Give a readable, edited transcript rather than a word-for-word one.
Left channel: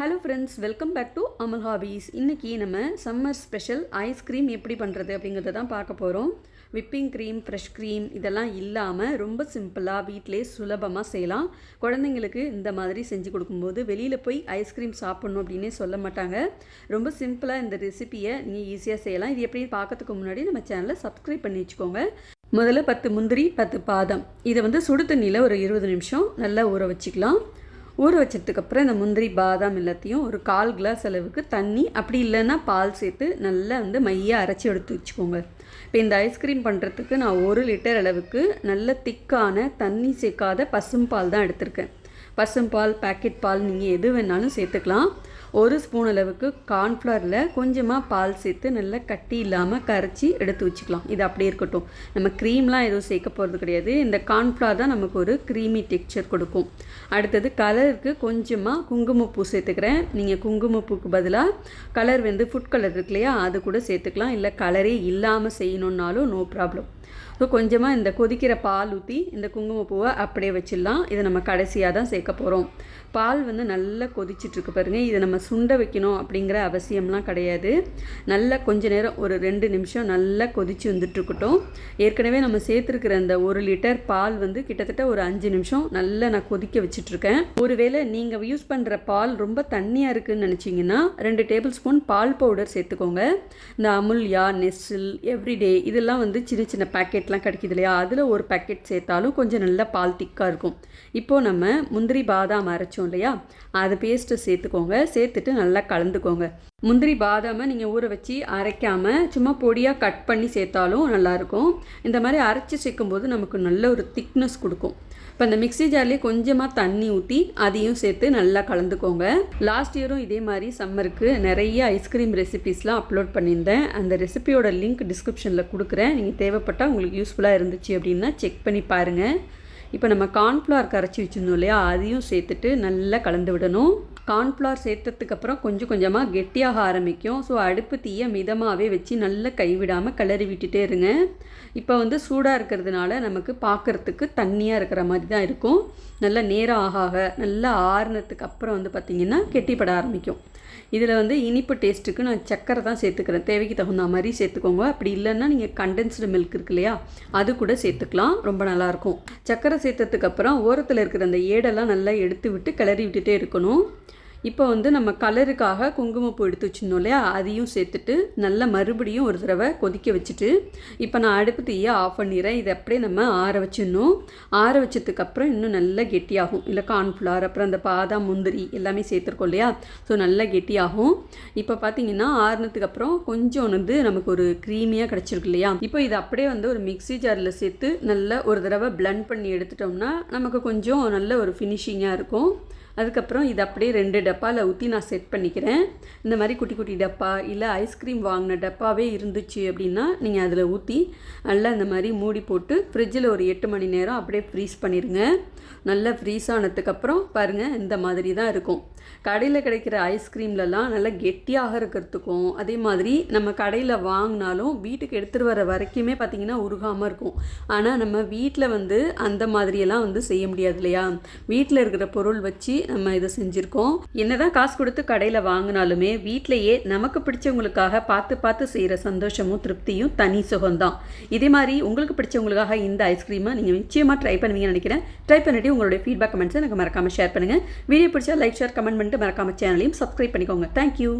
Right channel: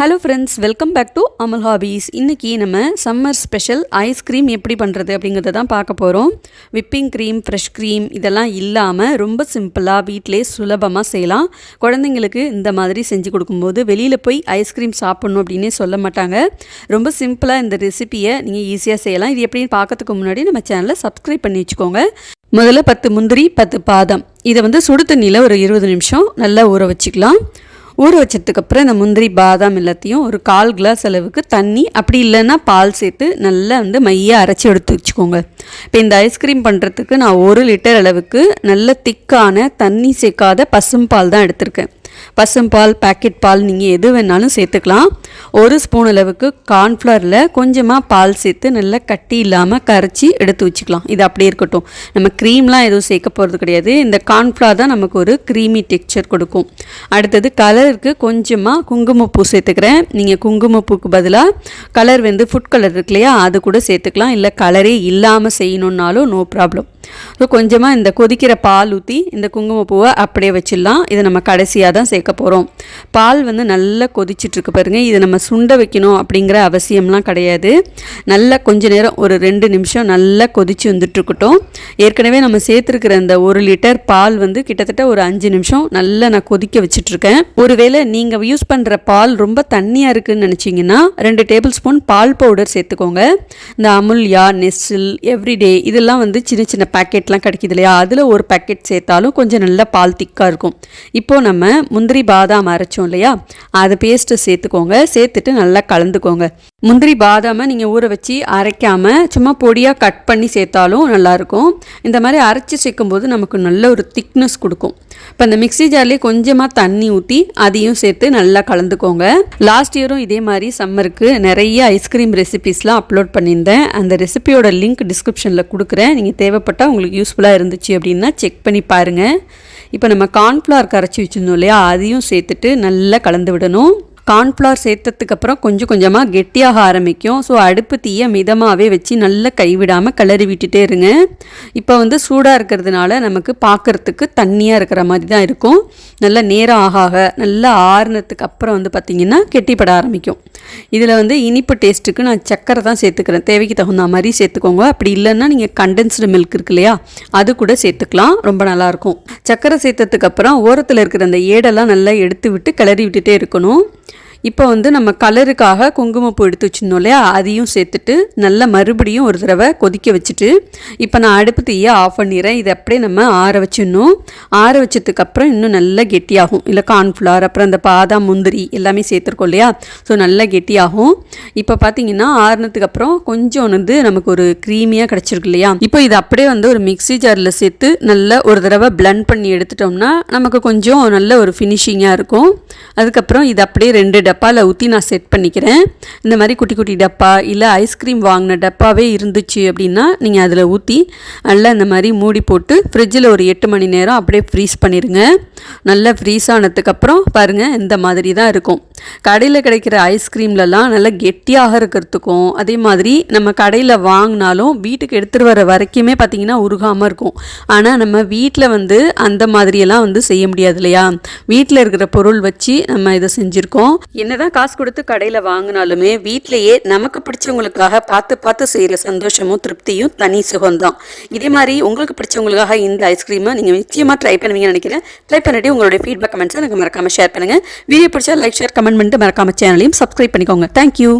Hello friends, welcome back to Amal hobbies. இன்றைக்கி நம்ம summer special ice cream எப்படி பண்ணுறது அப்படிங்கிறத தான் பார்க்க போகிறோம். விப்பிங் க்ரீம், ஃப்ரெஷ் க்ரீம் இதெல்லாம் இல்லாமல் ரொம்ப சிம்பிளாக வீட்டிலே சுலபமாக செய்யலாம். குழந்தைங்களுக்கு இந்த மாதிரி செஞ்சு கொடுக்கும்போது வெளியில் போய் ஐஸ்கிரீம் சாப்பிட்ணும் அப்படின்னே சொல்ல மாட்டாங்க. ரொம்ப சிம்பிளாக இந்த ரெசிப்பியை நீங்கள் ஈஸியாக செய்யலாம். இது எப்படின்னு பார்க்கறதுக்கு முன்னாடி நம்ம சேனலை சப்ஸ்கிரைப் பண்ணி வச்சுக்கோங்க. முதல்ல 10 முந்திரி, 10 பாதாம் இதை சுடு தண்ணியில் ஒரு 20 நிமிஷம் நல்லா ஊற வச்சுக்கலாம். ஊற வச்சதுக்கப்புறம் இந்த முந்திரி பாதாம் எல்லாத்தையும் ஒரு 1/4 கிளாஸ் அளவுக்கு தண்ணி, அப்படி இல்லைன்னா பால் சேர்த்து நல்லா மையாக அரைச்சி எடுத்து வச்சுக்கோங்க. இப்போ இந்த ஐஸ்கிரீம் பண்ணுறதுக்கு நான் 1 லிட்டர் அளவுக்கு நல்ல திக்கான தண்ணி சேர்க்காத பசும்பால் தான் எடுத்திருக்கேன். பசும்பால், பேக்கெட் பால் நீங்கள் எது வேணாலும் சேர்த்துக்கலாம். 1 ஸ்பூன் அளவுக்கு கார்ன்ஃப்ளவரில் கொஞ்சமாக பால் சேர்த்து நல்லா கட்டி இல்லாமல் கரைச்சி எடுத்து வச்சுக்கலாம். இது அப்படியே இருக்கட்டும். நம்ம க்ரீம்லாம் எதுவும் சேர்க்க போகிறது கிடையாது. இந்த கார்ன்ஃப்ளவர் தான் நமக்கு ஒரு க்ரீமி டெக்ஸ்சர் கொடுக்கும். அடுத்தது கலருக்கு கொஞ்சமாக குங்குமப்பூ சேர்த்துக்கிறேன். நீங்கள் குங்குமப்பூக்கு பதிலாக கலர் ஃபுட் கலர் இருக்கு இல்லையா, அது கூட சேர்த்துக்கலாம். இல்லை கலரே இல்லாமல் செய்யணுன்னாலும் நோ ப்ராப்ளம். ஸோ கொஞ்சமாக இந்த கொதிக்கிற பால் ஊற்றி இந்த குங்குமப்பூவை அப்படியே வச்சிடலாம். இதை நம்ம கடைசியாக தான் சேர்க்க போகிறோம். பால் நல்லா கொதிச்சிட்ருக்கு பாருங்கள். இதை நம்ம சுண்ட வைக்கணும் அப்படிங்கிற அவசியம்லாம் கிடையாது. நல்லா கொஞ்ச நேரம் ஒரு 2 நிமிஷம் நல்லா கொதிச்சு வந்துட்டுருக்கட்டும். ஏற்கனவே நம்ம சேர்த்துருக்கிற இந்த 1 லிட்டர் பால் கிட்டத்தட்ட ஒரு 5 நிமிஷம் நல்லா நான் கொதிக்க வச்சுட்ருக்கேன். ஒருவேளை நீங்கள் யூஸ் பண்ணுற பால் ரொம்ப தண்ணியாக இருக்குதுன்னு நினச்சிங்கன்னா 2 டேபிள் ஸ்பூன் பால் பவுடர் சேர்த்துக்கோங்க. இந்த அமுல்யா, நெஸ்டில், எவ்ரிடே இதெல்லாம் சின்ன சின்ன பேக்கெட்லாம் கிடைக்கிது இல்லையா, அதில் ஒரு பேக்கெட் சேர்த்தாலும் கொஞ்சம் நல்லா பால் திக்காக இருக்கும். இப்போது நம்ம முந்திரி பாதாம் அரைச்சோம் இல்லையா, அது பேஸ்ட்டு சேர்த்துக்கோங்க. சேர்த்துட்டு நல்லா கலந்துக்கோங்க. முந்திரி பாதாமை நீங்கள் ஊற வச்சு அரைக்காமல் சும்மா பொடியாக கட் பண்ணி சேர்த்தாலும் நல்லாயிருக்கும். இந்த மாதிரி அரைச்சி சேர்க்கும்போது நமக்கு நல்ல ஒரு திக்னஸ் கொடுக்கும். இப்போ அந்த மிக்ஸி ஜார்லேயே கொஞ்சமாக தண்ணி ஊற்றி அதையும் சேர்த்து நல்லா கலந்துக்கோங்க. லாஸ்ட் இயரும் இதே மாதிரி சம்மருக்கு நிறைய ஐஸ்கிரீம் ரெசிபீஸ்லாம் அப்லோட் பண்ணியிருந்தேன். அந்த ரெசிபியோட லிங்க் டிஸ்கிரிப்ஷனில் கொடுக்குறேன். நீங்கள் தேவைப்பட்டால் உங்களுக்கு யூஸ்ஃபுல்லாக இருந்துச்சு அப்படின்னா செக் பண்ணி பாருங்கள். இப்போ நம்ம கார்ன்ஃப்ளவர் கரைச்சி வச்சுருந்தோம் இல்லையா, அதையும் சேர்த்துட்டு நல்லா கலந்து விடணும். கார்ன்ஃப்ளவர் சேர்த்ததுக்கப்புறம் கொஞ்சம் கொஞ்சமாக கெட்டியாக ஆரம்பிக்கும். ஸோ அடுப்பு தீயை மிதமாகவே வச்சு நல்லா கைவிடாமல் கிளறி விட்டுட்டே இருங்க. இப்போ சூடாக இருக்கிறதுனால நமக்கு பார்க்குறதுக்கு தண்ணியாக இருக்கிற மாதிரி தான் இருக்கும். நல்லா நேரம் ஆக நல்லா ஆறுனதுக்கு அப்புறம் பார்த்திங்கன்னா கெட்டிப்பட ஆரம்பிக்கும். இதில் இனிப்பு டேஸ்ட்டுக்கு நான் சக்கரை தான் சேர்த்துக்கிறேன். தேவைக்கு தகுந்த மாதிரி சேர்த்துக்கோங்க. அப்படி இல்லைன்னா நீங்கள் கண்டென்ஸ்டு மில்க் இருக்கு இல்லையா, அது கூட சேர்த்துக்கலாம். ரொம்ப நல்லாயிருக்கும். சக்கரை சேர்த்ததுக்கப்புறம் ஓரத்தில் இருக்கிற அந்த ஏடெல்லாம் நல்லா எடுத்து விட்டு கிளறி விட்டுட்டே இருக்கணும். இப்போ நம்ம கலருக்காக குங்குமப்பூ எடுத்து வச்சுருந்தோம் இல்லையா, அதையும் சேர்த்துட்டு நல்லா மறுபடியும் ஒரு தடவை கொதிக்க வச்சுட்டு இப்போ நான் அடுப்பு தீயை ஆஃப் பண்ணிடுறேன். இதை அப்படியே நம்ம ஆற வச்சிடணும். ஆற வச்சதுக்கப்புறம் இன்னும் நல்லா கெட்டியாகும். இல்லை கார்ன்ஃப்ளவர், அப்புறம் அந்த பாதாம், முந்திரி எல்லாமே சேர்த்துருக்கோம் இல்லையா, ஸோ நல்லா கெட்டியாகும். இப்போ பார்த்தீங்கன்னா ஆறுனதுக்கப்புறம் கொஞ்சம் நமக்கு ஒரு க்ரீமியாக கிடச்சிருக்கு இல்லையா. இப்போ இது அப்படியே ஒரு மிக்ஸி ஜாரில் சேர்த்து நல்லா ஒரு தடவை பிளெண்ட் பண்ணி எடுத்துட்டோம்னா நமக்கு கொஞ்சம் நல்ல ஒரு ஃபினிஷிங்காக இருக்கும். அதுக்கப்புறம் இது அப்படியே 2 டப்பாவில் ஊற்றி நான் செட் பண்ணிக்கிறேன். இந்த மாதிரி குட்டி குட்டி டப்பா இல்லை ஐஸ்கிரீம் வாங்கின டப்பாவே இருந்துச்சு அப்படின்னா நீங்கள் அதில் ஊற்றி நல்லா இந்த மாதிரி மூடி போட்டு ஃப்ரிட்ஜில் ஒரு 8 மணி நேரம் அப்படியே ஃப்ரீஸ் பண்ணிடுங்க. நல்லா ஃப்ரீஸ் ஆனதுக்கப்புறம் பாருங்கள் இந்த மாதிரி தான் இருக்கும். கடையில் கிடைக்கிற ஐஸ்கிரீம்லலாம் நல்லா கெட்டியாக இருக்கிறதுக்கும், அதே மாதிரி நம்ம கடையில் வாங்கினாலும் வீட்டுக்கு எடுத்துகிட்டு வர வரைக்குமே பார்த்திங்கன்னா உருகாமல் இருக்கும். ஆனால் நம்ம வீட்டில் அந்த மாதிரியெல்லாம் செய்ய முடியாது இல்லையா. வீட்டில் இருக்கிற பொருள் வச்சு நம்ம இதை செஞ்சுருக்கோம். என்னதான் காசு கொடுத்து கடையில் வாங்கினாலுமே வீட்டிலேயே நமக்கு பிடிச்சவங்களுக்காக பார்த்து பார்த்து செய்கிற சந்தோஷமும் திருப்தியும் தனி சுகம்தான். இதே மாதிரி உங்களுக்கு பிடிச்சவங்களுக்காக இந்த ஐஸ்கிரீமை நீங்கள் நிச்சயமாக ட்ரை பண்ணுவீங்கன்னு நினைக்கிறேன். ட்ரை பண்ணிட்டு உங்களுடைய ஃபீட்பேக் கமெண்ட்ஸை எனக்கு மறக்காமல் ஷேர் பண்ணுங்கள். வீடியோ பிடிச்சா லைக், ஷேர், கமெண்ட் பண்ணிட்டு மறக்காமல் சேனலையும் சப்ஸ்கிரைப் பண்ணிக்கோங்க. தேங்க்யூ.